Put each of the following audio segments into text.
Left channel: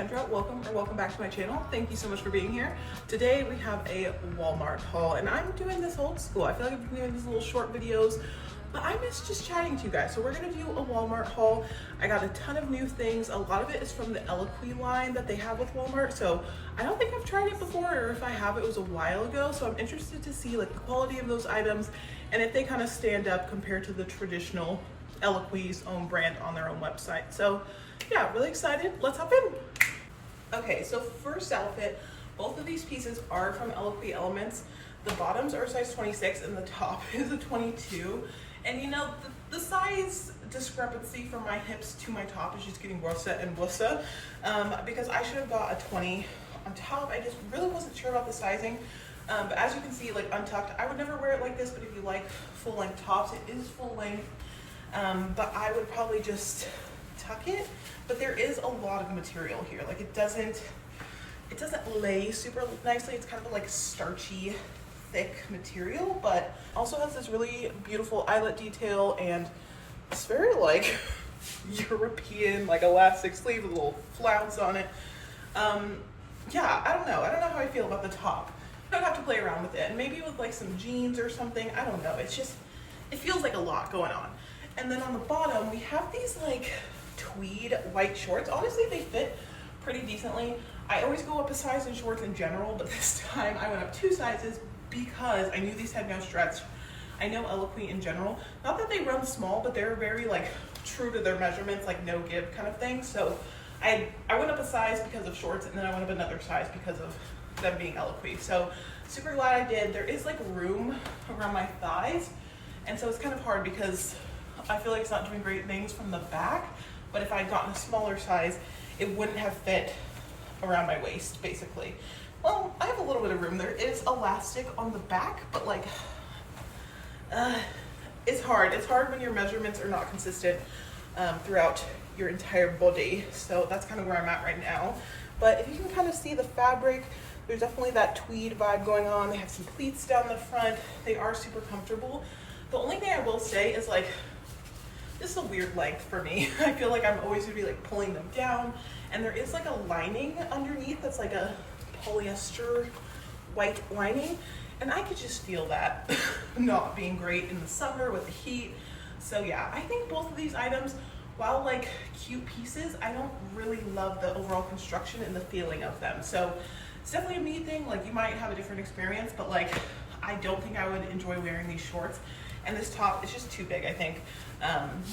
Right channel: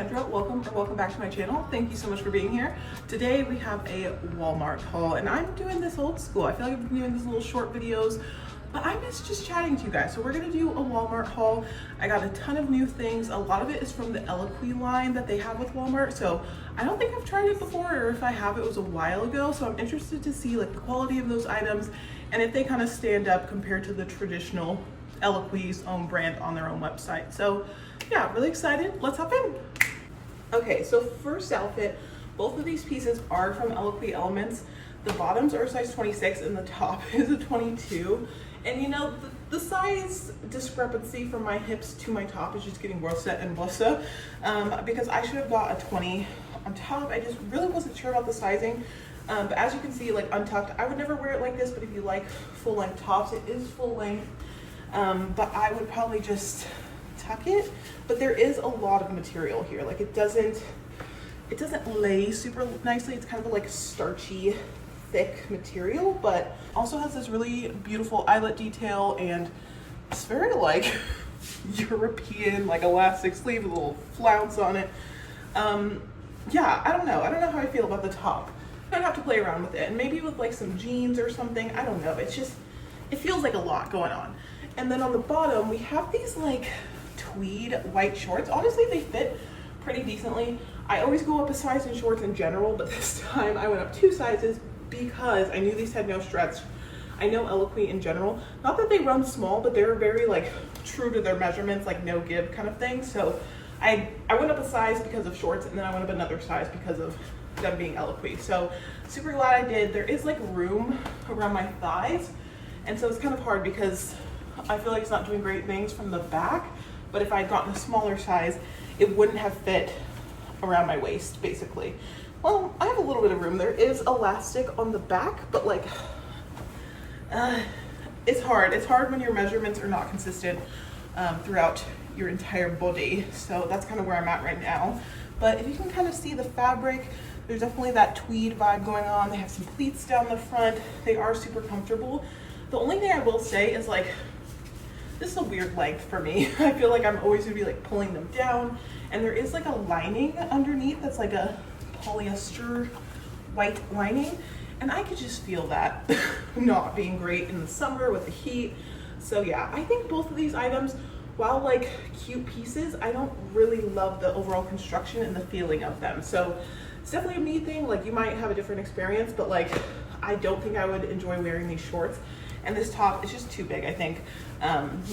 Kendra. Welcome back to my channel. Thank you so much for being here. Today we have a Walmart haul, and I'm doing this old school. I feel like I've been doing these little short videos, but I miss just chatting to you guys. So we're gonna do a Walmart haul. I got a ton of new things. A lot of it is from the Eloquii line that they have with Walmart. So I don't think I've tried it before, or if I have, it was a while ago. So I'm interested to see like the quality of those items and if they kind of stand up compared to the traditional Eloquii's own brand on their own website. So yeah, really excited. Let's hop in. Okay, so first outfit, both of these pieces are from Eloquii Elements. The bottoms are a size 26 and the top is a 22. And you know, the size discrepancy from my hips to my top is just getting worse and worse, because I should have got a 20 on top. I just really wasn't sure about the sizing. But as you can see, like untucked, I would never wear it like this, but if you like full length tops, it is full length. But I would probably just tuck it. But there is a lot of material here. Like it doesn't lay super nicely. It's kind of like starchy, thick material, but also has this really beautiful eyelet detail, and it's very like European, like elastic sleeve with a little flounce on it. Yeah, I don't know how I feel about the top. I don't have to play around with it, and maybe with like some jeans or something, I don't know. It's just, it feels like a lot going on. And then on the bottom we have these like tweed white shorts. Honestly, they fit pretty decently. I always go up a size in shorts in general, but this time I went up 2 sizes because I knew these had no stretch. I know Eloquii in general, not that they run small, but they're very like true to their measurements, like no give kind of thing. So I went up a size because of shorts, and then I went up another size because of them being Eloquii. So super glad I did. There is like room around my thighs, and so it's kind of hard because I feel like it's not doing great things from the back. But if I had gotten a smaller size, it wouldn't have fit around my waist, basically. Well, I have a little bit of room. There is elastic on the back, but like, it's hard. It's hard when your measurements are not consistent throughout your entire body. So that's kind of where I'm at right now. But if you can kind of see the fabric, there's definitely that tweed vibe going on. They have some pleats down the front. They are super comfortable. The only thing I will say is like, this is a weird length for me. I feel like I'm always gonna be like pulling them down, and there is like a lining underneath that's like a polyester white lining, and I could just feel that not being great in the summer with the heat. So yeah, I think both of these items, while like cute pieces, I don't really love the overall construction and the feeling of them. So it's definitely a me thing. Like you might have a different experience, but like I don't think I would enjoy wearing these shorts. And this top is just too big, I think.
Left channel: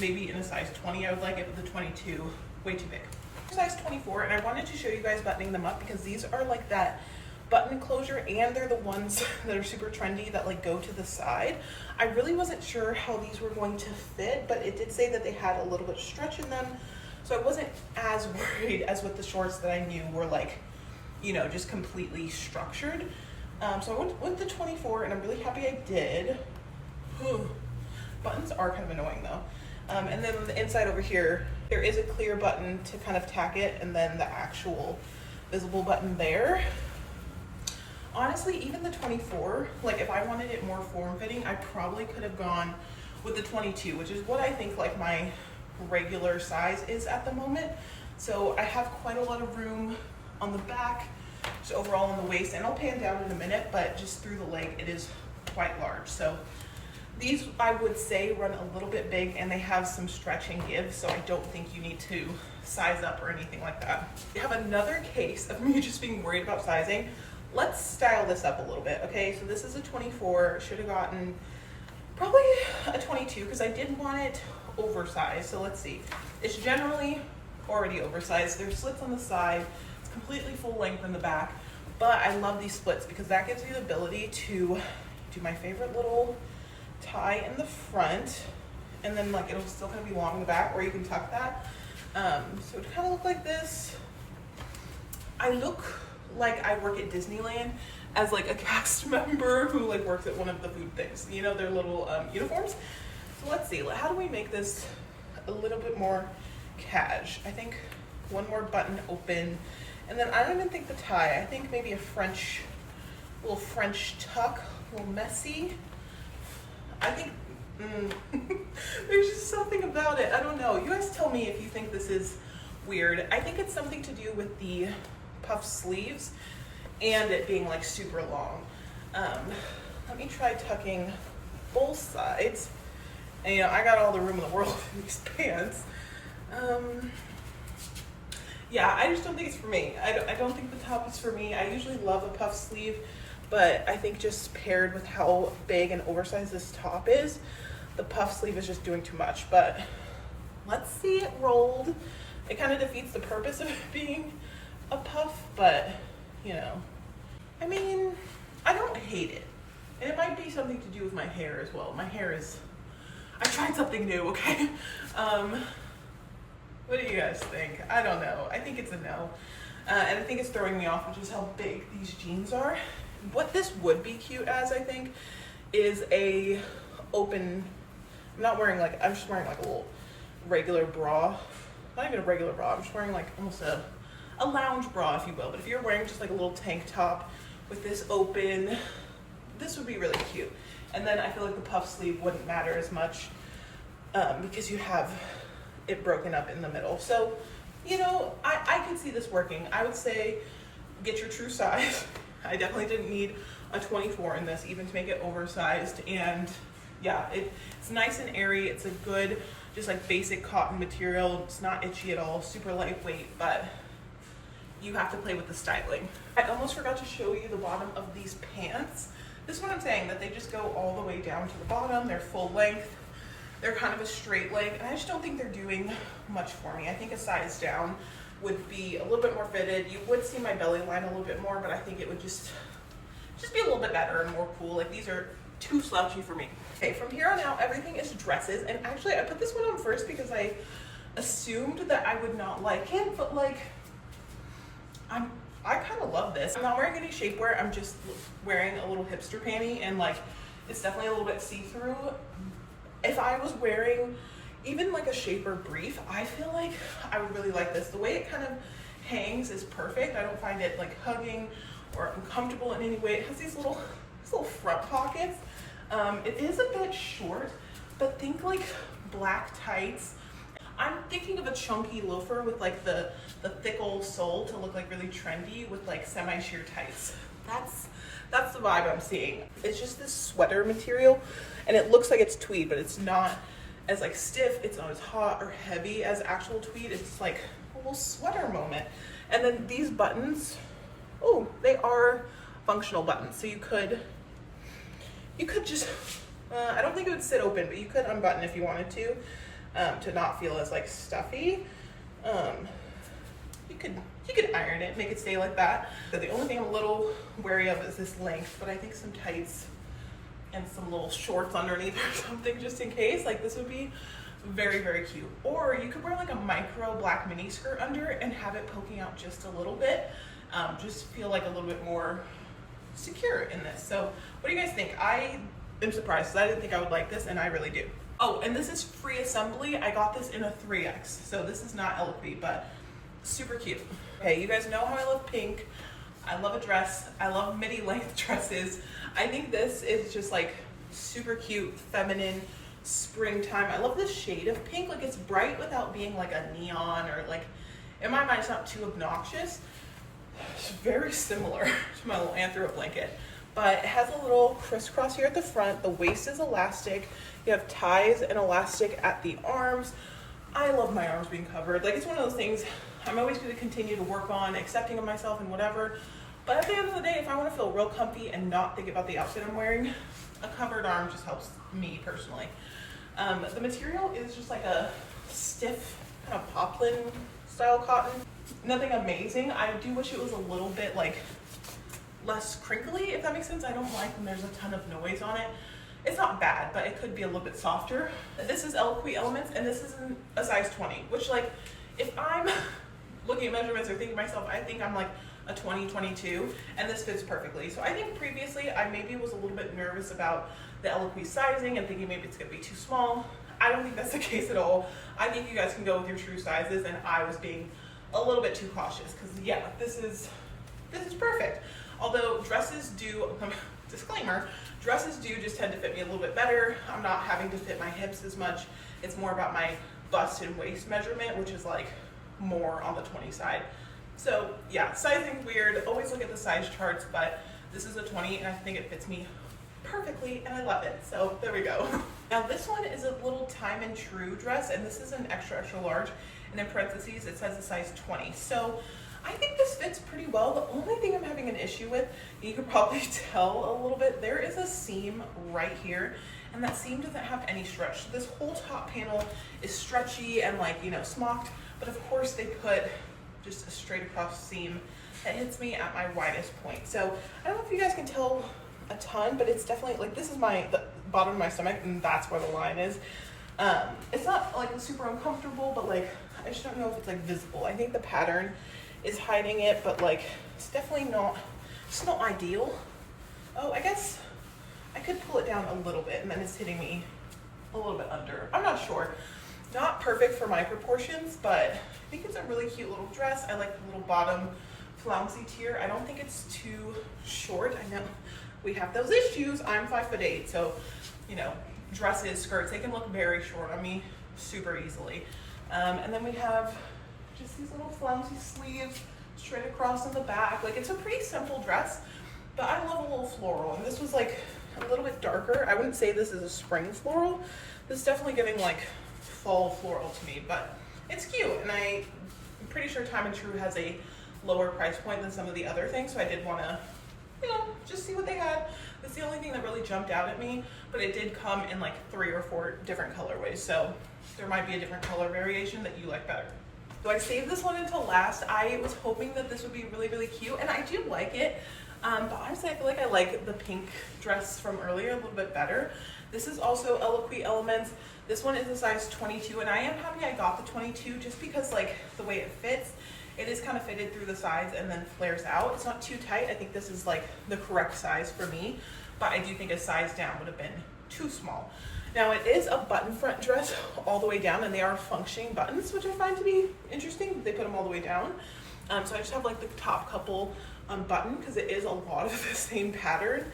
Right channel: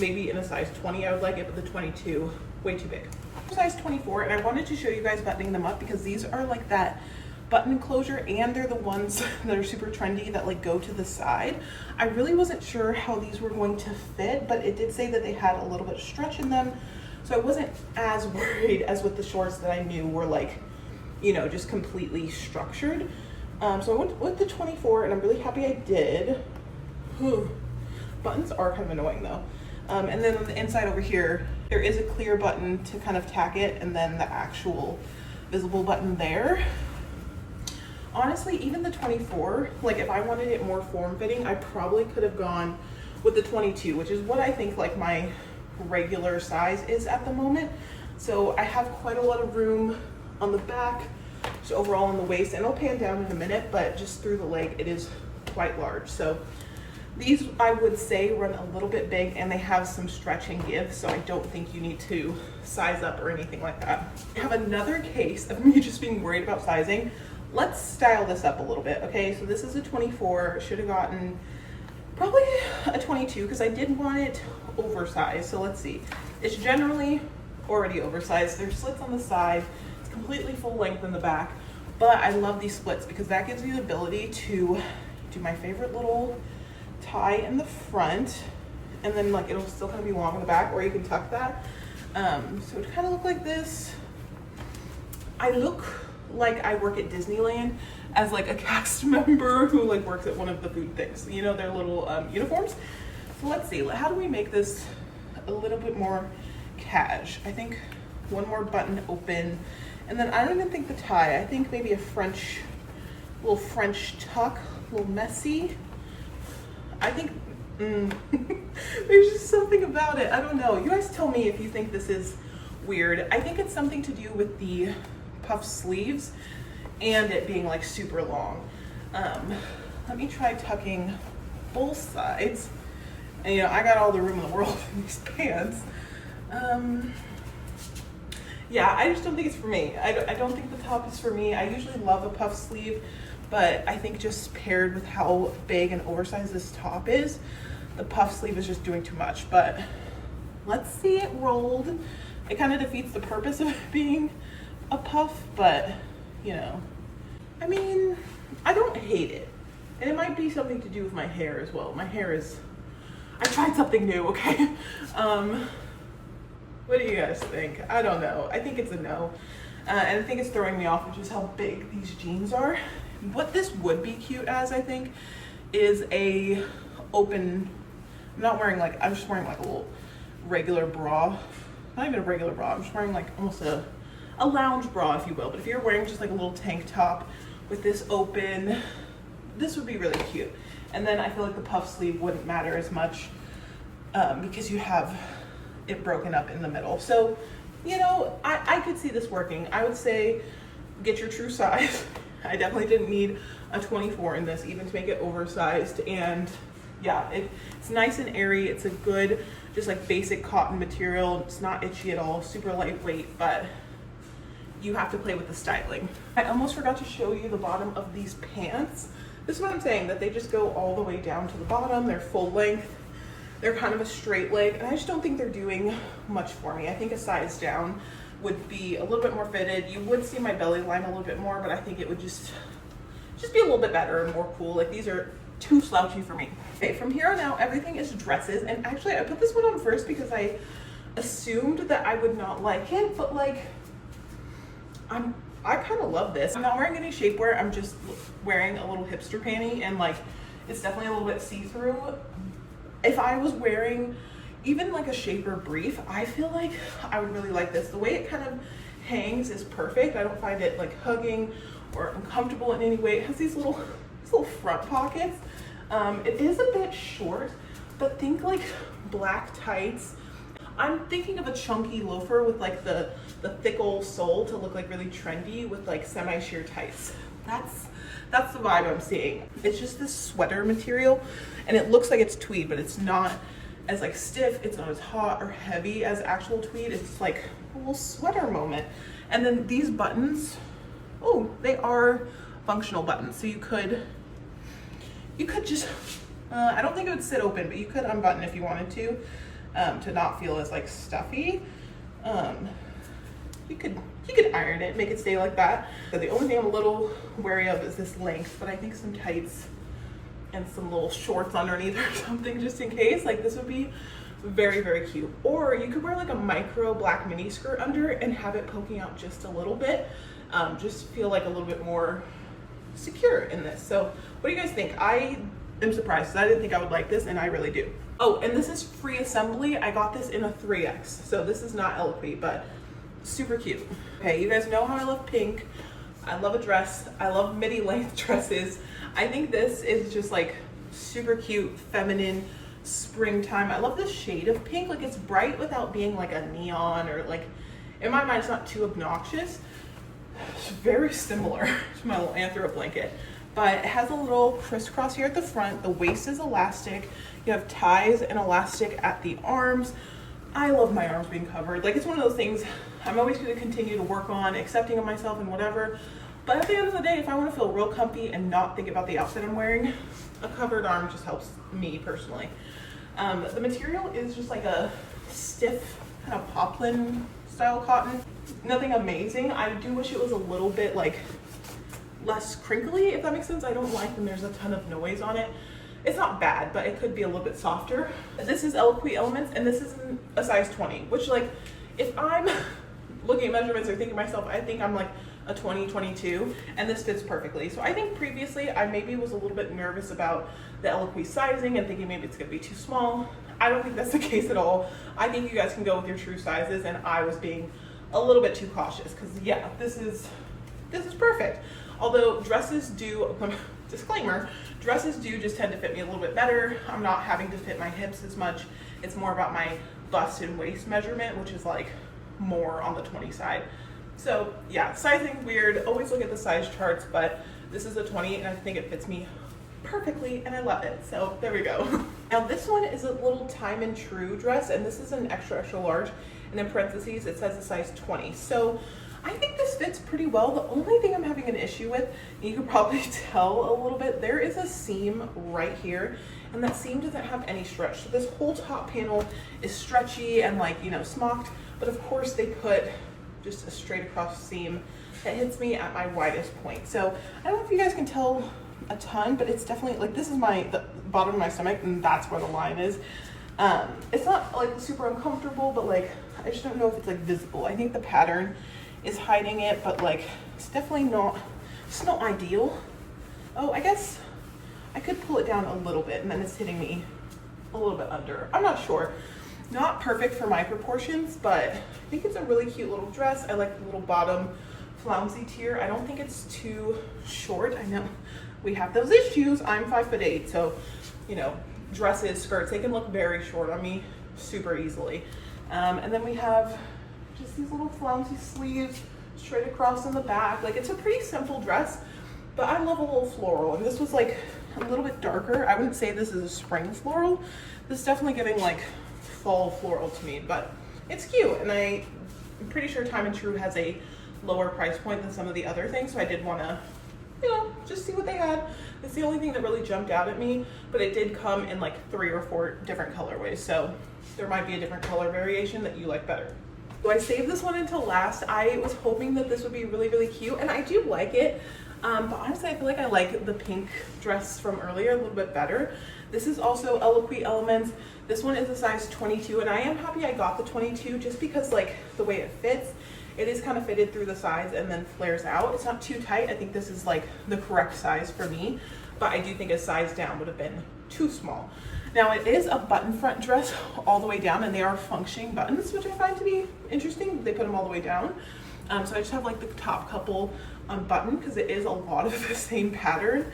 Maybe in a size 20 I would like it, but the 22, way too big. Size 24, and I wanted to show you guys buttoning them up because these are like that button closure, and they're the ones that are super trendy that like go to the side. I really wasn't sure how these were going to fit, but it did say that they had a little bit of stretch in them. So I wasn't as worried as with the shorts that I knew were like, you know, just completely structured. So I went with the 24, and I'm really happy I did. Buttons are kind of annoying though. And then on the inside over here, there is a clear button to kind of tack it, and then the actual visible button there. Honestly, even the 24, like if I wanted it more form-fitting, I probably could have gone with the 22, which is what I think like my regular size is at the moment. So I have quite a lot of room on the back, just overall on the waist, and I'll pan down in a minute, but just through the leg, it is quite large. So these, I would say, run a little bit big, and they have some stretch and give, so I don't think you need to size up or anything like that. I have another case of me just being worried about sizing. Let's style this up a little bit, okay? So this is a 24, should have gotten probably a 22 because I did want it oversized. So let's see. It's generally already oversized. There's slits on the side. It's completely full length in the back, but I love these splits because that gives you the ability to do my favorite little tie in the front, and then like it'll still kind of be long in the back, or you can tuck that. So to kind of look like this, I look like I work at Disneyland as like a cast member who like works at one of the food things, you know, their little uniforms. So let's see, how do we make this a little bit more cash? I think one more button open, and then I don't even think the tie, I think maybe a little French tuck, a little messy. I think there's just something about it. I don't know. You guys tell me if you think this is weird. I think it's something to do with the puff sleeves and it being like super long. Let me try tucking both sides. And you know, I got all the room in the world in these pants. Yeah, I just don't think it's for me. I don't think the top is for me. I usually love a puff sleeve, but I think just paired with how big and oversized this top is, the puff sleeve is just doing too much. But let's see it rolled. It kind of defeats the purpose of it being a puff, but you know, I mean, I don't hate it. And it might be something to do with my hair as well. My hair is, I tried something new, okay? What do you guys think? I don't know. I think it's a no. And I think it's throwing me off with just how big these jeans are. What this would be cute as, I think, is a open, I'm not wearing like, I'm just wearing like a little regular bra. Not even a regular bra, I'm just wearing like almost a lounge bra, if you will. But if you're wearing just like a little tank top with this open, this would be really cute. And then I feel like the puff sleeve wouldn't matter as much because you have it broken up in the middle. So, you know, I could see this working. I would say get your true size. I definitely didn't need a 24 in this, even to make it oversized. And yeah, it's nice and airy. It's a good, just like basic cotton material. It's not itchy at all, super lightweight, but you have to play with the styling. I almost forgot to show you the bottom of these pants. This is what I'm saying, that they just go all the way down to the bottom. They're full length. They're kind of a straight leg, and I just don't think they're doing much for me. I think a size down would be a little bit more fitted. You would see my belly line a little bit more, but I think it would just be a little bit better and more cool. Like, these are too slouchy for me. Okay, from here on out, everything is dresses. And actually, I put this one on first because I assumed that I would not like it, but like, I kind of love this. I'm not wearing any shapewear. I'm just wearing a little hipster panty, and like, it's definitely a little bit see-through. If I was wearing even like a shaper brief, I feel like I would really like this. The way it kind of hangs is perfect. I don't find it like hugging or uncomfortable in any way. It has these little front pockets. It is a bit short, but think like black tights. I'm thinking of a chunky loafer with like the thick old sole to look like really trendy with like semi-sheer tights. That's the vibe I'm seeing. It's just this sweater material, and it looks like it's tweed, but it's not as like stiff, it's not as hot or heavy as actual tweed. It's like a little sweater moment. And then these buttons, oh, they are functional buttons. So you could just, I don't think it would sit open, but you could unbutton if you wanted to not feel as like stuffy. You could iron it, make it stay like that. So the only thing I'm a little wary of is this length, but I think some tights and some little shorts underneath or something, just in case. Like, this would be very, very cute. Or you could wear like a micro black mini skirt under and have it poking out just a little bit. Just feel like a little bit more secure in this. So what do you guys think? I am surprised because I didn't think I would like this, and I really do. Oh, and this is free assembly. I got this in a 3X, so this is not eloquent, but super cute. Okay, you guys know how I love pink. I love a dress. I love midi length dresses. I think this is just like super cute, feminine, springtime. I love this shade of pink. Like, it's bright without being like a neon, or like, in my mind, it's not too obnoxious. It's very similar to my little anthro blanket, but it has a little crisscross here at the front. The waist is elastic. You have ties and elastic at the arms. I love my arms being covered. Like, it's one of those things I'm always going to continue to work on, accepting of myself and whatever. But at the end of the day, if I want to feel real comfy and not think about the outfit I'm wearing, a covered arm just helps me personally. The material is just like a stiff kind of poplin style cotton. Nothing amazing. I do wish it was a little bit like less crinkly, if that makes sense. I don't like when there's a ton of noise on it. It's not bad, but it could be a little bit softer. This is Eloquent Elements, and this is a size 20, which, like, if I'm looking at measurements or thinking to myself, I think I'm like a 20, 22, and this fits perfectly. So I think previously I maybe was a little bit nervous about the Eloquent sizing and thinking maybe it's gonna be too small. I don't think that's the case at all. I think you guys can go with your true sizes, and I was being a little bit too cautious because, yeah, this is perfect. Although dresses do, disclaimer, dresses do just tend to fit me a little bit better. I'm not having to fit my hips as much. It's more about my bust and waist measurement, which is like more on the 20 side. So yeah, sizing weird, always look at the size charts, but this is a 20 and I think it fits me perfectly and I love it. So there we go. Now this one is a little time and true dress, and this is an extra large, and in parentheses it says a size 20. So I think this fits pretty well. The only thing I'm having an issue with, and you can probably tell a little bit, there is a seam right here, and that seam doesn't have any stretch. So this whole top panel is stretchy and like, you know, smocked, but of course they put just a straight across seam that hits me at my widest point. So I don't know if you guys can tell a ton, but it's definitely like, this is the bottom of my stomach, and that's where the line is. It's not like super uncomfortable, but like, I just don't know if it's like visible. I think the pattern is hiding it, but like, it's definitely not, it's not ideal. Oh, I guess I could pull it down a little bit and then it's hitting me a little bit under. I'm not sure. Not perfect for my proportions, but I think it's a really cute little dress. I like the little bottom flouncy tier. I don't think it's too short. I know we have those issues. I'm 5'8", so you know, dresses, skirts, they can look very short on me super easily. And then we have just these little flouncy sleeves straight across in the back. Like, it's a pretty simple dress, but I love a little floral, and this was like a little bit darker. I wouldn't say this is a spring floral. This is definitely giving like fall floral to me, but it's cute, and I'm pretty sure Time and True has a lower price point than some of the other things, so I did want to, you know, just see what they had. It's the only thing that really jumped out at me, but it did come in like 3 or 4 different colorways, so there might be a different color variation that you like better. So I saved this one until last. I was hoping that this would be really, really cute, and I do like it, but honestly I feel like I like the pink dress from earlier a little bit better. This is also Eloquii Elements. This one is a size 22, and I am happy I got the 22 just because like the way it fits, it is kind of fitted through the sides and then flares out. It's not too tight. I think this is like the correct size for me, but I do think a size down would have been too small. Now it is a button front dress all the way down, and they are functioning buttons, which I find to be interesting. They put them all the way down. So I just have like the top couple unbuttoned because it is a lot of the same pattern.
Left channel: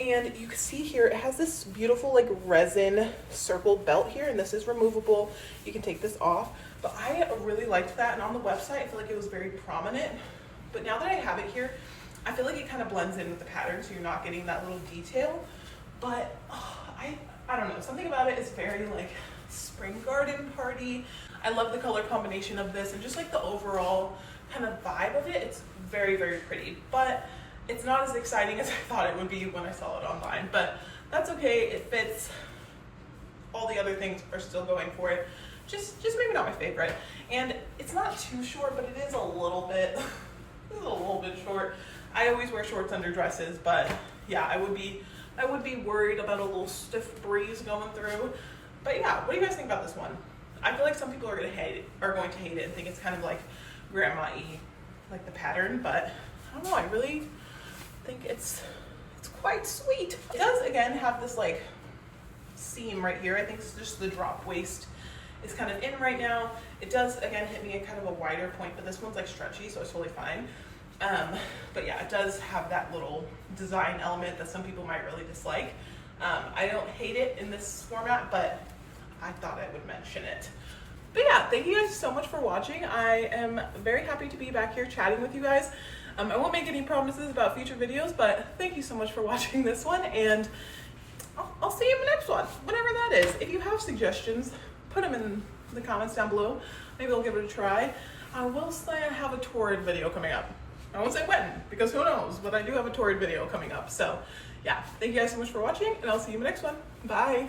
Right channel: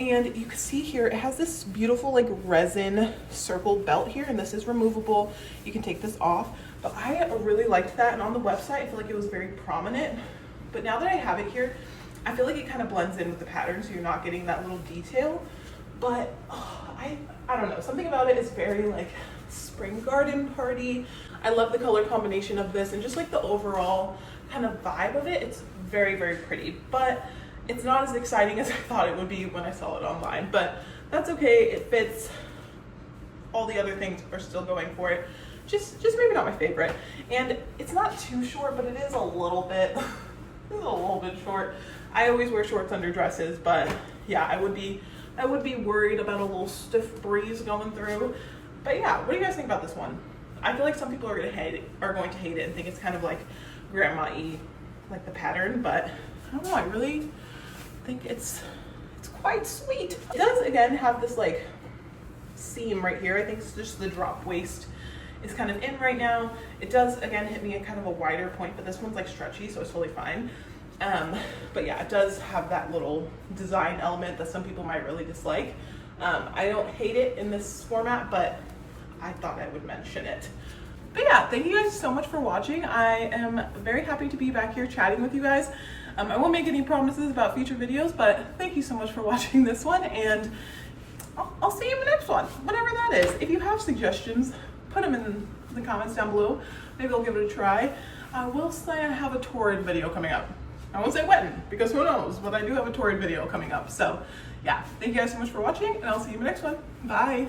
And you can see here, it has this beautiful like resin circle belt here, and this is removable. You can take this off, but I really liked that. And on the website, I feel like it was very prominent. But now that I have it here, I feel like it kind of blends in with the pattern, so you're not getting that little detail. But I don't know, something about it is very like spring garden party. I love the color combination of this and just like the overall kind of vibe of it. It's very, very pretty, but it's not as exciting as I thought it would be when I saw it online, but that's okay. It fits. All the other things are still going for it. Just maybe not my favorite. And it's not too short, but it is a little bit, short. I always wear shorts under dresses, but yeah, I would be worried about a little stiff breeze going through. But yeah, what do you guys think about this one? I feel like some people are going to hate it and think it's kind of like grandma-y, like the pattern, but I don't know, I really think it's quite sweet. It does again have this like seam right here. I think it's just the drop waist is kind of in right now. It does again hit me at kind of a wider point, but this one's like stretchy, so it's totally fine. But yeah, it does have that little design element that some people might really dislike. I don't hate it in this format, but I thought I would mention it. But yeah, thank you guys so much for watching. I am very happy to be back here chatting with you guys. I won't make any promises about future videos, but thank you so much for watching this one, and I'll see you in the next one, whatever that is. If you have suggestions, put them in the comments down below. Maybe I'll give it a try. I will say I have a Torrid video coming up. I won't say when, because who knows, but I do have a Torrid video coming up. So yeah, thank you guys so much for watching, and I'll see you in the next one. Bye.